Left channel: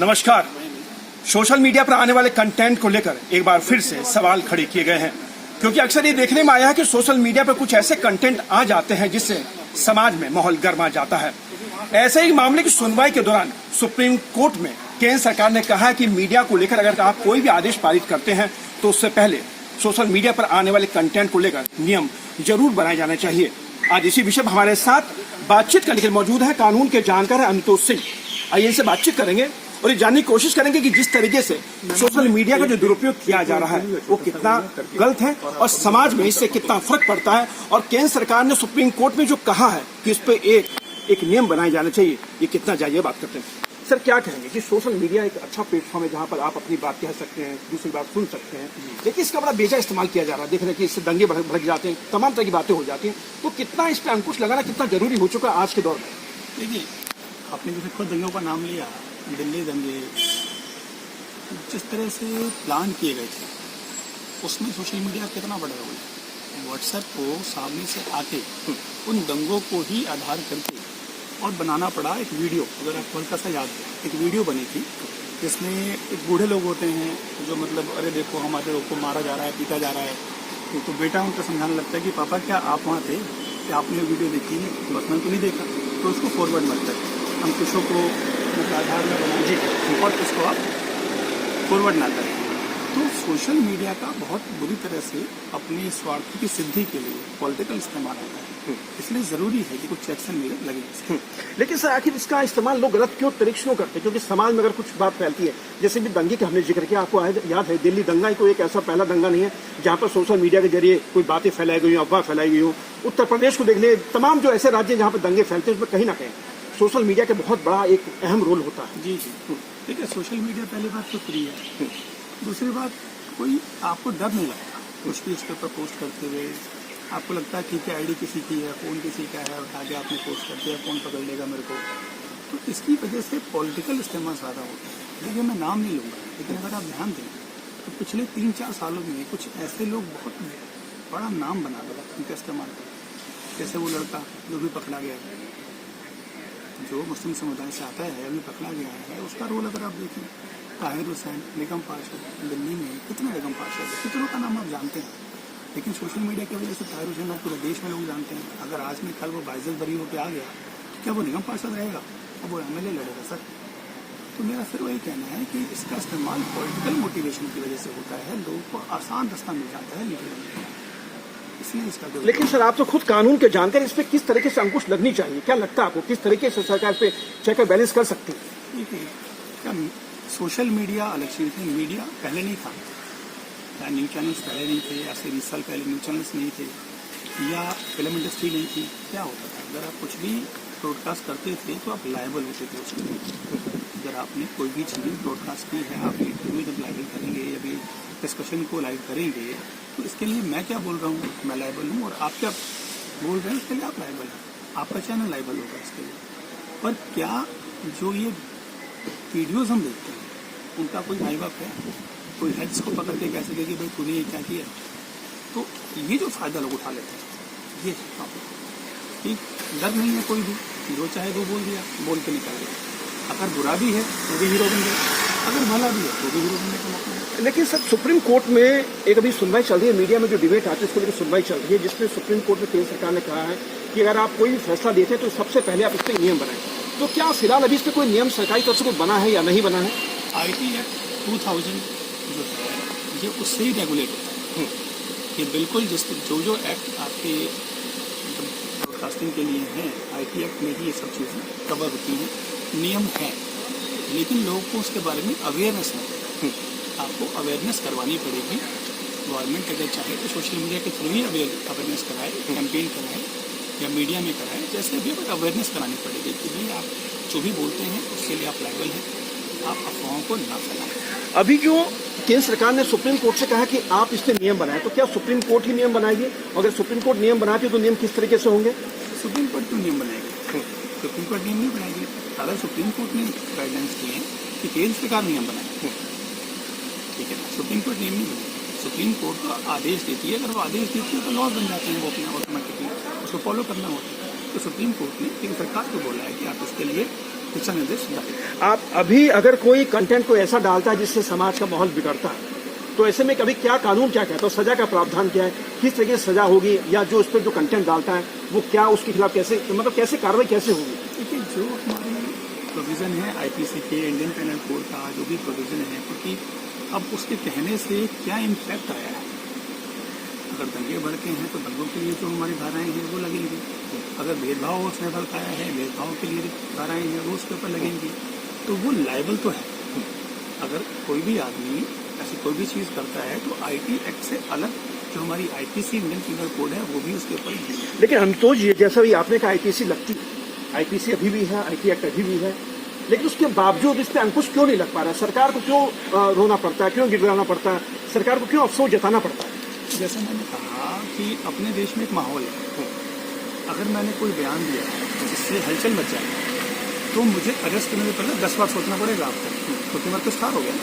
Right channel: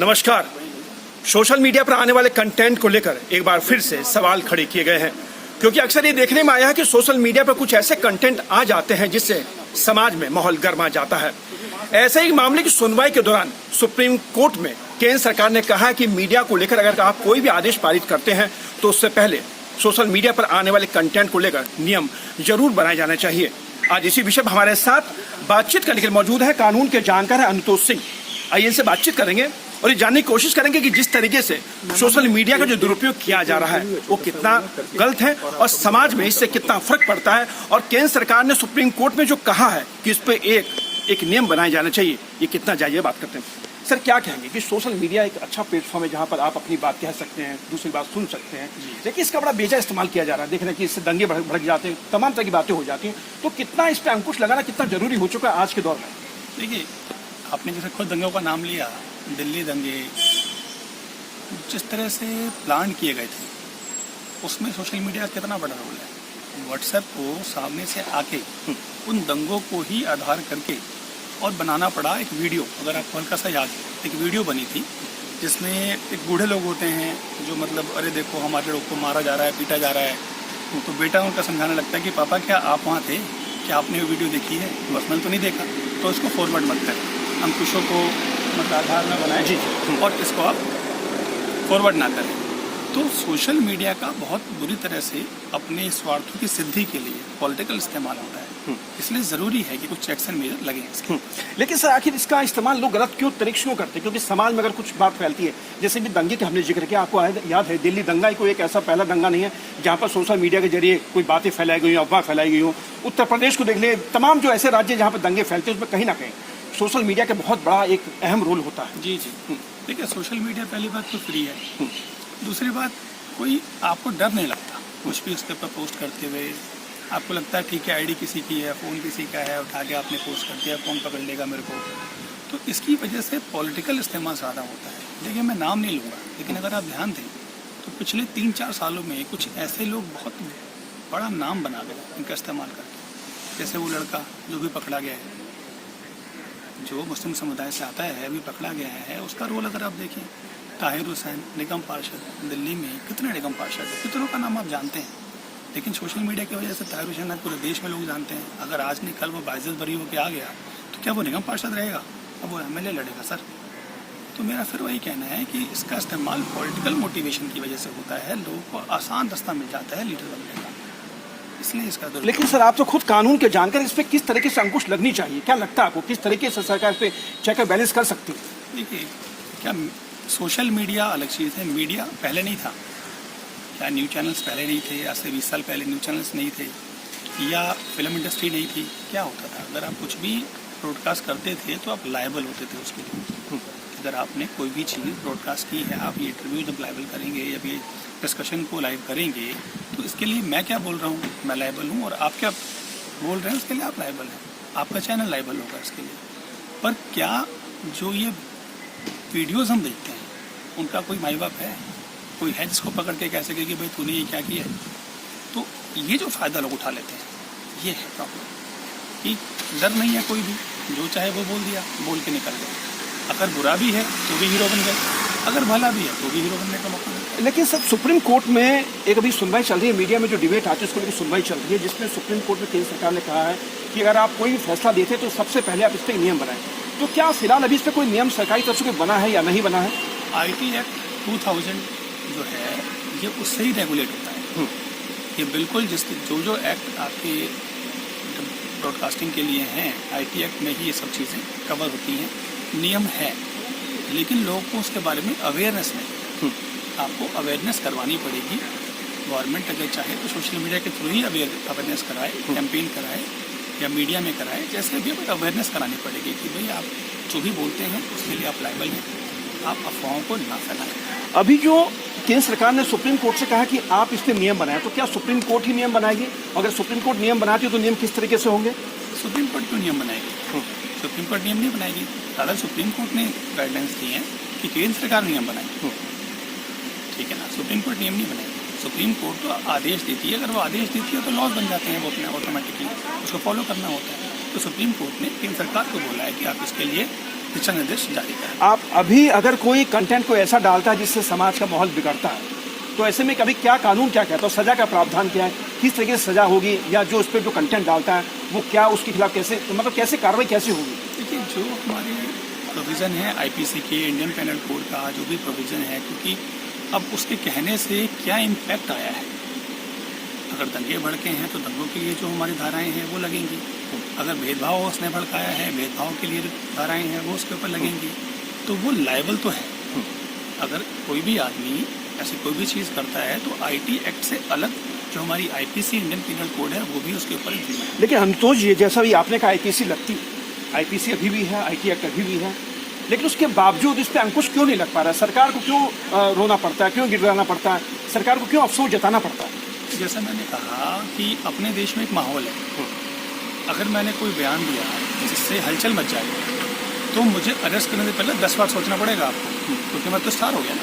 नमस्कार। Social media पर आने वाले कंटेंट को लेकर एक बार फिर से सवाल खड़े किए गए हैं, क्योंकि अक्सर ये देखने में आया है कि सोशल मीडिया पर कुछ ऐसे कंटेंट आ जाते हैं जिससे समाज में माहौल गर्मा जाता है। ऐसे ही मामले की सुनवाई के दौरान सुप्रीम कोर्ट में केंद्र सरकार ने कहा कि मीडिया को लेकर अगर आप कोई भी आदेश पारित करते हैं तो उससे पहले सोशल मीडिया पर आने वाले कंटेंट को लेकर नियम जरूर बनाए जाने चाहिए। आज इसी विषय पर हमारे साथ बातचीत करने के लिए मौजूद है कानून के जानकार अनुतोष सिंह। आइए इनसे बातचीत करेंगे और ये जानने की कोशिश करेंगे कि जिस तरीके से सोशल मीडिया का जो दुरुपयोग किया जा रहा है वो कितना गलत है और समाज में इससे कितना फर्क पड़ता है, और केंद्र सरकार ने सुप्रीम कोर्ट में जो कहा है कि इस पे एक नियम बनाए जाना चाहिए, ये कितना जायज बात करते हैं। सर, क्या कहेंगे कि सोशल मीडिया एक अच्छा प्लेटफॉर्म है जहां पर आप अपनी बात कह सकते हैं, दूसरी बात सुन सकते हैं, लेकिन इसका बड़ा बेजा इस्तेमाल किया जा रहा है। देख रहे हैं कि इससे दंगे भड़क जाते हैं, तमाम तरह की बातें हो जाती हैं, तो कितना इस पर अंकुश लगाना कितना जरूरी हो चुका है आज के दौर में? देखिए, आपने जैसे खुद दंगों का नाम लिया, दिल्ली दंगे जिस तरह से प्लान किए गए थे उसमें सोशल मीडिया का कितना बड़ा रोल है। व्हाट्सएप को सामने से आके उन दंगों को ही आधार करके और बनाना पड़ा एक वीडियो। अगर आपको हल्का सा याद है, एक वीडियो बनी थी जिसमें एक बूढ़े लोग होते हैं जो मतलब अरे देखो हमारे लोग को मारा जा रहा है, पीटा जा रहा है, तो बेटा उनका समझाने लगता है कि पापा क्या आप वहाँ थे, क्या आपने वीडियो देखी है? बस मैंने तो नहीं देखा। तो इसको फॉरवर्ड मत करें, अंकुशों को मतलब आधार न बनाएं जी, और इसको आप फॉरवर्ड ना करें। तो सोशल मीडिया का बहुत बुरी तरह से अपने स्वार्थों की सिद्धि के लिए पॉलिटिकल इस्तेमाल होता है, इसलिए जरूरी है कि कुछ एक्शन मेजर लगे इसके। लेकिन सर, आखिर इसका इस्तेमाल लोग गलत क्यों तरीके से करते हैं? क्योंकि समाज में अगर कुछ बात फैलती है, जैसे भी दंगे के हमने जिक्र किया, आपको याद है दिल्ली दंगा कोई एक ऐसा पहला दंगा नहीं है जहां पर सोशल मीडिया के जरिए कोई बातें फैलाई गई, अफवाह फैलाई गई हो। उत्तर प्रदेश को देख ले, तमाम जो ऐसे राज्य जहाँ पर दंगे फैलते हैं उसमें कहीं ना कहीं सोशल मीडिया का बहुत बड़ा एक अहम रोल होता है। जी जी, देखिए सोशल मीडिया पहली बात तो फ्री है, दूसरी बात कोई आपको डर नहीं लगता कुछ भी उसके ऊपर पोस्ट करते हुए। आपको लगता है ठीक है आईडी किसी की है, फ़ोन किसी का है, उठा के आपने पोस्ट कर दिया, कौन पकड़ लेगा मेरे को। तो इसकी वजह से पॉलिटिकल इस्तेमाल ज़्यादा होता है। देखिए, मैं नाम नहीं लूँगा, लेकिन अगर आप ध्यान दें तो पिछले 3-4 सालों में कुछ ऐसे लोग बहुत बड़ा नाम बना कर उनका इस्तेमाल करते हैं। जैसे वो लड़का जो भी पकड़ा गया है, जो मुस्लिम समुदाय से आता है, अभी पकड़ा गया है, उसका रोल अगर आप देखें, ताहिर हुसैन निगम पार्षद, दिल्ली में कितने निगम पार्षद हैं, कितनों का नाम आप जानते हैं, लेकिन सोशल मीडिया की वजह से ताहिर हुसैन पूरे देश में लोग जानते हैं। अगर आज नहीं कल वो बाइज्जत बरी होकर आ गया तो क्या वो निगम पार्षद रहेगा? अब वो एमएलए लड़ेगा सर। तो मेरा फिर वही कहना है कि इसका इस्तेमाल पॉलिटिकल मोटिवेशन की वजह से होता है, लोगों को आसान रास्ता मिल जाता है लीडर बनने का, इसलिए इसका। लेकिन सर, आप तो खुद कानून के जानकर इस पर किस तरीके से अंकुश लगनी चाहिए? क्या लगता है आपको, किस तरीके से सरकार पे चेक और बैलेंस कर सकती है? देखिए, क्या सोशल मीडिया अलग चीज़ है, मीडिया पहले नहीं था क्या? न्यूज़ चैनल्स पहले नहीं थे? आज से 20 साल पहले न्यूज़ चैनल्स नहीं थे, या फिल्म इंडस्ट्री नहीं थी? क्या होता था? अगर आप कुछ भी ब्रॉडकास्ट करते थे तो आप लायबल होते थे उसके लिए। अगर आपने कोई भी चीज़ ब्रॉडकास्ट की है, आप ये इंटरव्यू जब लायबल करेंगे या ये डिस्कशन को लाइव करेंगे, तो इसके लिए मैं क्या बोल रहा हूँ, मैं लायबल हूँ, और आप क्या बोल रहे हैं उसके लिए आप लायबल हैं, आपका चैनल लायबल होगा इसके लिए। पर क्या जो ये वीडियोज़ हम देखते हैं उनका कोई माई बाप है? कोई है जिसको पकड़ के कह सके कि भाई तूने ये क्या किया? तो ये जो फ़ायदा लोग उठा लेते हैं, ये है प्रॉब्लम कि डर नहीं है, कोई भी जो चाहे वो बोल दिया, बोल के निकल गया। अगर बुरा भी है तो भी हीरो बन गए, अगर भला भी है तो भी हीरो बनने का मौका है। लेकिन सर, सुप्रीम कोर्ट में एक अभी सुनवाई चल रही है, मीडिया में जो डिबेट आती है उसको लेकर सुनवाई चल रही है, जिसमें सुप्रीम कोर्ट में केंद्र सरकार ने कहा है कि अगर आप कोई भी फैसला देते हैं तो सबसे पहले आप इस पर नियम बनाएं। तो क्या फिलहाल अभी इस पर कोई नियम सरकारी तरफ से कोई बना है या नहीं बना है? IT एक्ट 2000 जो है ये उससे ही रेगुलेट होता है। ये बिल्कुल जो एक्ट आपके ब्रॉडकास्टिंग के लिए हैं, IT एक्ट में ही ये सब चीज़ें कवर होती हैं, नियम है। लेकिन लोगों को उसके बारे में अवेयरनेस नहीं, आपको अवेयरनेस करवानी पड़ेगी। गवर्नमेंट अगर चाहे तो सोशल मीडिया के थ्रू ही अवेयरनेस कराए, कैंपेन कराए या मीडिया में कराए, जैसे भी अवेयरनेस करानी पड़ेगी कि भाई आप जो भी बोलते हैं उसके लिए आप लायबल हैं, आप अफवाहों को ना फैलाएं। अभी जो केंद्र सरकार ने सुप्रीम कोर्ट से कहा कि आप इस पर नियम बनाएं, तो क्या सुप्रीम कोर्ट ही नियम बनाएगी? अगर सुप्रीम कोर्ट नियम बनाती है तो नियम किस तरीके से होंगे? सुप्रीम कोर्ट क्यों नियम बनाएगी? सुप्रीम कोर्ट नियम नहीं बनाएगी। दादा, सुप्रीम कोर्ट ने गाइडलाइंस दी हैं कि केंद्र सरकार नियम बनाएगी, ठीक है ना? सुप्रीम कोर्ट नियम नहीं बनाएगी। सुप्रीम कोर्ट तो आदेश देती है, अगर वो आदेश देती है तो लॉज बन जाते हैं वो अपने ऑटोमेटिकली, उसको फॉलो करना होता है। तो सुप्रीम कोर्ट ने केंद्र सरकार को बोला है कि आप इसके लिए दिशा निर्देश जारी करें। आप अभी अगर कोई कंटेंट को ऐसा डालता है जिससे समाज का माहौल बिगड़ता है, तो ऐसे में कभी क्या कानून क्या कहता है, तो सजा का प्रावधान क्या है, किस तरीके से सजा होगी, या जो उस पर जो कंटेंट डालता है वो क्या उसके खिलाफ कैसे, मतलब कैसे कार्रवाई कैसे होगी? देखिए, जो हमारे प्रोविज़न है आईपीसी के, इंडियन पेनल कोड का जो भी प्रोविज़न है, क्योंकि अब उसके कहने से क्या इम्पैक्ट आया है। अगर दंगे भड़के हैं तो दंगों के लिए जो हमारी धाराएं हैं वो लगेंगी। अगर भेदभाव उसने भड़काया है, भेदभाव के लिए धाराएं हैं वो उसके ऊपर लगेंगी। तो वो लायबल तो है। अगर कोई भी आदमी ऐसी कोई भी चीज़ करता है तो आईटी एक्ट से अलग जो हमारी आईपीसी इंडियन पेनल कोड है वो भी उसके ऊपर लगेगी। लेकिन हम तो ये जैसा भी आपने कहा आईपीसी लगती, आईपीसी अभी भी है, आईटी एक्ट अभी भी है, लेकिन उसके बावजूद इस पर अंकुश क्यों नहीं लग पा रहा है? सरकार को क्यों रोना पड़ता है, क्यों गिड़गिड़ाना पड़ता है, सरकार को क्यों अफसोस जताना पड़ता है? जैसा मैंने कहा कि अपने देश में एक माहौल है। अगर मैंने कोई बयान दिया जिससे हलचल मच जाए तो मुझे अरेस्ट करने से पहले 10 बार सोचना पड़ेगा आपको, क्योंकि मैं तो स्टार हो गया ना।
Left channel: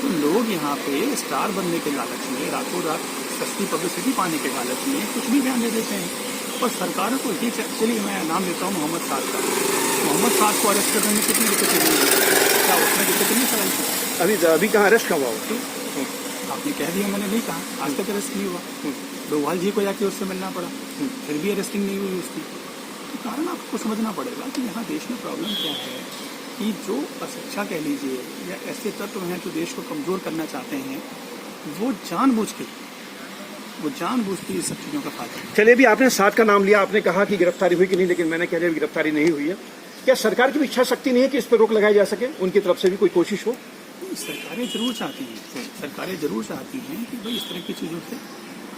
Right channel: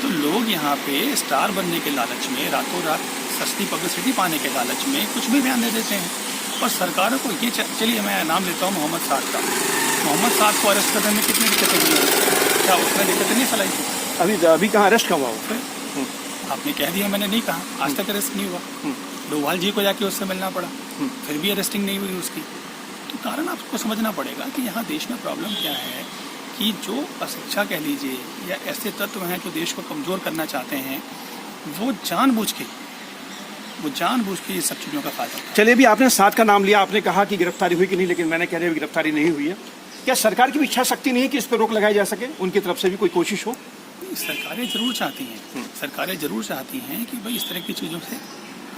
तो लोग यहाँ पे स्टार बनने के लालच में, रातों रात सस्ती पब्लिसिटी पाने के लालच में कुछ भी बयान दे देते हैं। और सरकारों को ये, चलिए मैं नाम लेता हूँ मोहम्मद साद का। मोहम्मद साद को अरेस्ट करने में कितनी दिक्कतें हुई, क्या उसने दिक्कतें नहीं फैलाई थी? अभी कहाँ अरेस्ट कब हुआ? आपने कह दिया, मैंने नहीं कहा। आज तक अरेस्ट नहीं हुआ। डोभाल जी को जाके उससे मिलना पड़ा, फिर भी अरेस्टिंग नहीं हुई उसकी। तो कारण आपको समझना पड़ेगा कि यहाँ देश में प्रॉब्लम क्या है कि जो अशिक्षा कह लीजिए या ऐसे तत्व हैं जो देश को कमज़ोर करना चाहते हैं, वो जानबूझ के ये सब चीज़ों का फायदा। चलिए, अभी आपने साथ का नाम लिया, आपने कहा कि गिरफ्तारी हुई कि नहीं, लेकिन मैंने कह रही गिरफ्तारी नहीं हुई है। क्या सरकार की भी इच्छा शक्ति नहीं है कि इस पर रोक लगाई जा सके, उनकी तरफ से भी कोई कोशिश हो? सरकारें जरूर चाहती हैं, सरकारें जरूर चाहती हैं कि भाई इस तरह की चीज़ों से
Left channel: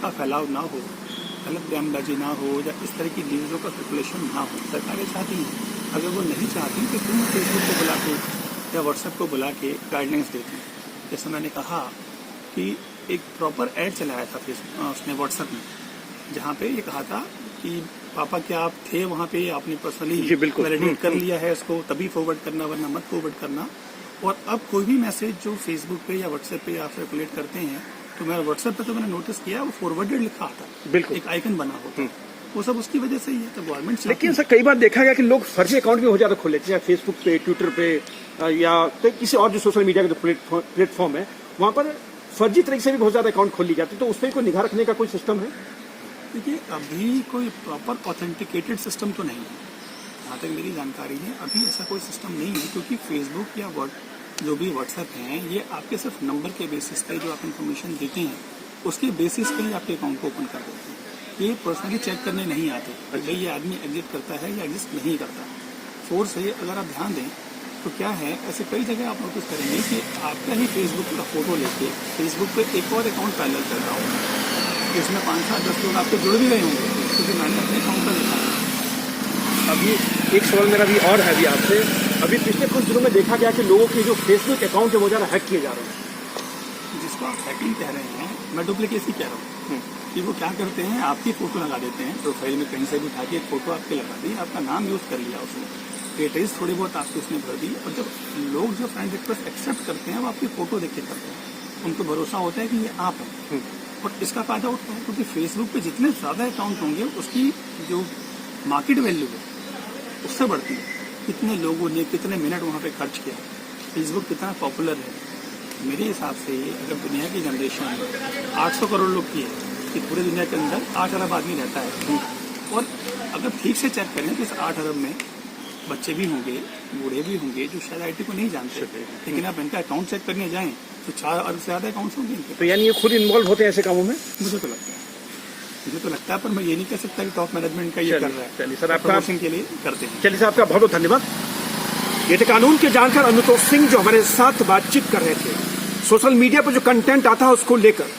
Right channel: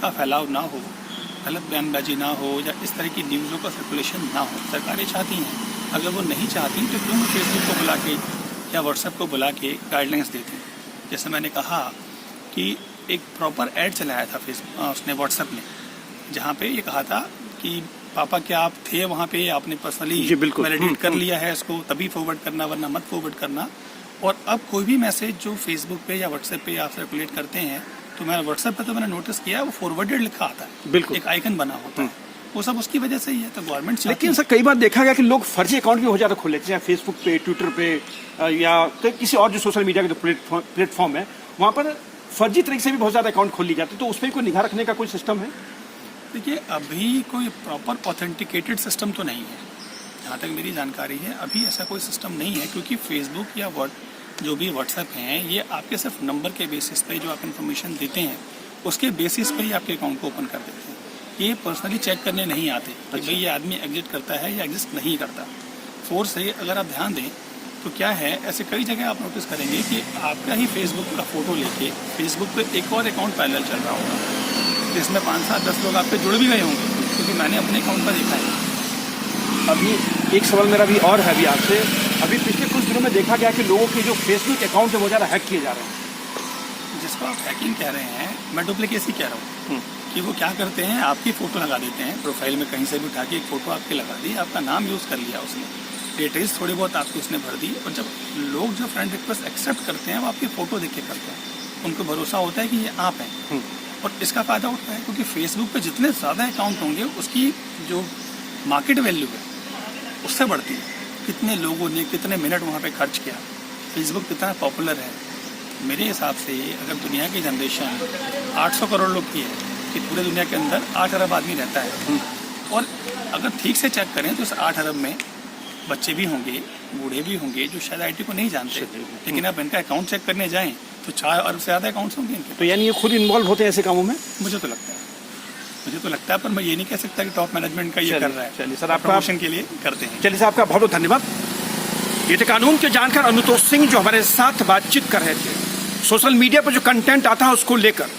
का फैलाव ना हो, गलत बयानबाजी ना हो, या इस तरह की न्यूज़ों का सर्कुलेशन ना हो। सरकारें चाहती हैं। अगर वो नहीं चाहती तो क्यों फेसबुक को बुला के या व्हाट्सएप को बुला के गाइडलाइंस देते हैं? जैसे मैंने कहा कि एक प्रॉपर ऐड चलाया था उसने व्हाट्सएप में, जहाँ पे ये कहा था कि पापा क्या आप थे वहाँ पे, आपने पर्सनली वैलिडेट कर लिया है इसको, तभी फॉरवर्ड करना, वरना मत फॉरवर्ड करना। और अब कोई भी मैसेज जो फेसबुक पे या व्हाट्सएप पे आप सर्कुलेट करते हैं, तो मैं व्हाट्सएप पे तो मैंने नोटिस किया वो फॉरवर्डेड लिखा आता है, एक आइकन बना होता है। वो सब उसकी वजह से ही है। तो गवर्नमेंट, लेकिन सर कई बार देखा गया कि लोग फर्जी अकाउंट भी हो जाते खोल लेते हैं, फेसबुक पे, ट्विटर पे, या तो किसी और जो सोशल मीडिया का जो प्लेटफॉर्म है वहाँ पर फर्जी तरीके से भी बहुत ज़्यादा अकाउंट खोल ली जाती है। तो उसमें कोई निगाह रखने का कोई सिस्टम है? देखिए, अभी कोई प्रॉपर ऑथेंटिकेटेड सिस्टम तो नहीं है, जहाँ तक मेरी जानकारी है अभी ऐसा कोई सिस्टम नहीं है। क्योंकि फेसबुक या जो भी व्हाट्सएप हैं, ये आपके सिर्फ नंबर के बेसिस पे जो आप इन्फॉर्मेशन देते हैं उसके बेसिस पे ही आपके अकाउंट को ओपन कर देते हैं। ये पर्सनली चेक करने नहीं आते कि भाई ये आदमी एग्जिट करता है या एग्जिस्ट नहीं करता। फोर्स से अगर आप ध्यान दें तो क्या है, ऐसे कई जगह आप नोटिस करेंगे कि आपका ही फेसबुक का फोटो लेके फेसबुक पे एक और अकाउंट पैरेलल चल रहा होगा, जिसमें 5, 7, 10 लोग आपके जुड़ भी गए होंगे, क्योंकि मैंने अपने अकाउंट पर देखा है। अभी एक सवाल मेरा भी और है अभी आपसे, अभी पिछले कुछ दिनों में देखा गया कि लोगों के जो फेसबुक अकाउंट है वो ज़्यादा हैक किए जा रहे हैं। जिसको आप हैकिंग कह रहे हैं, मैं डुप्लीकेसी कह रहा हूँ कि वो क्या करते हैं, आपकी फ़ोटो लगा देते हैं प्रोफाइल में, कहीं से भी उठा के एक फ़ोटो आपकी लगा दी, आपका नाम यूज़ कर लिया उसने, डिटेल्स थोड़ी बहुत आपकी उसने भर दी, और जब लोग जो फ्रेंड रिक्वेस्ट एक्सेप्ट करते हैं वो आपकी फ़ोटो देख के करते हैं। उनको भरोसा होता है कि ये आप हैं, और इसका फ़ायदा उठता है क्योंकि फेसबुक पे जितने ज़्यादा अकाउंट होंगे उसकी जो मार्केट वैल्यू है उससे बढ़ती है। कितने लोगों ने कितने मिनट वहाँ पे खर्च किया, फेसबुक कितना पॉपुलर है। मेरे हिसाब से अगर दुनिया की जनरेशन 800 करोड़ लोग की है कि पूरे दुनिया के अंदर 8 अरब आदमी रहता है, और अगर ठीक से चेक करें तो इस 8 अरब में बच्चे भी होंगे, बूढ़े भी होंगे जो शायद आईटी को नहीं जानते, लेकिन आप इनका अकाउंट चेक करने जाएं तो 4 अरब से ज़्यादा अकाउंट्स होंगे इनके। तो यानी ये खुद इन्वॉल्व होते हैं ऐसे कामों में? मुझे तो लगता है, पर मैं ये नहीं कह सकता कि टॉप मैनेजमेंट का ये कर रहा है। चलिए सर, आप प्रमोशन के लिए करते हैं। चलिए सर, आपका बहुत बहुत धन्यवाद। ये थे कानून के जानकार अनुतोष सिंह जो हमारे साथ बातचीत कर रहे थे। सोशल मीडिया पर जो कंटेंट आता है उसको लेकर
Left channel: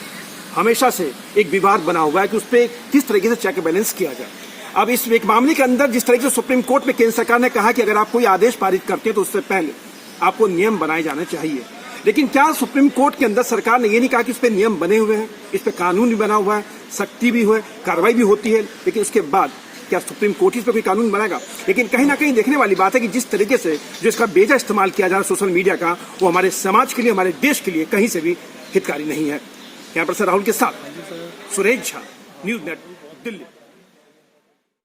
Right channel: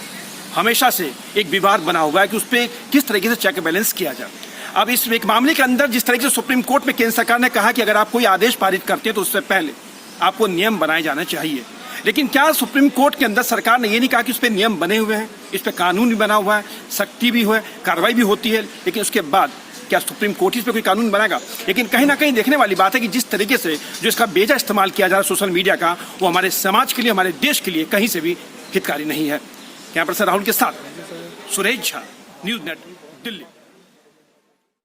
हमेशा से एक विवाद बना हुआ है कि उस पर किस तरीके से चेक बैलेंस किया जाए। अब इस एक मामले के अंदर जिस तरीके से सुप्रीम कोर्ट में केंद्र सरकार ने कहा कि अगर आप कोई आदेश पारित करते हैं तो उससे पहले आपको नियम बनाए जाने चाहिए, लेकिन क्या सुप्रीम कोर्ट के अंदर सरकार ने ये नहीं कहा कि उस पर नियम बने हुए हैं, इस पर कानून भी बना हुआ है, सख्ती भी है, कार्रवाई भी होती है, लेकिन उसके बाद क्या सुप्रीम कोर्ट इस पर कोई कानून बनाएगा? लेकिन कहीं ना कहीं देखने वाली बात है कि जिस तरीके से जो इसका बेजा इस्तेमाल किया जा रहा है सोशल मीडिया का, वो हमारे समाज के लिए, हमारे देश के लिए कहीं से भी हितकारी नहीं है। कैमरा पर्सन राहुल के साथ सुरेश झा, न्यूज़ नेट, दिल्ली।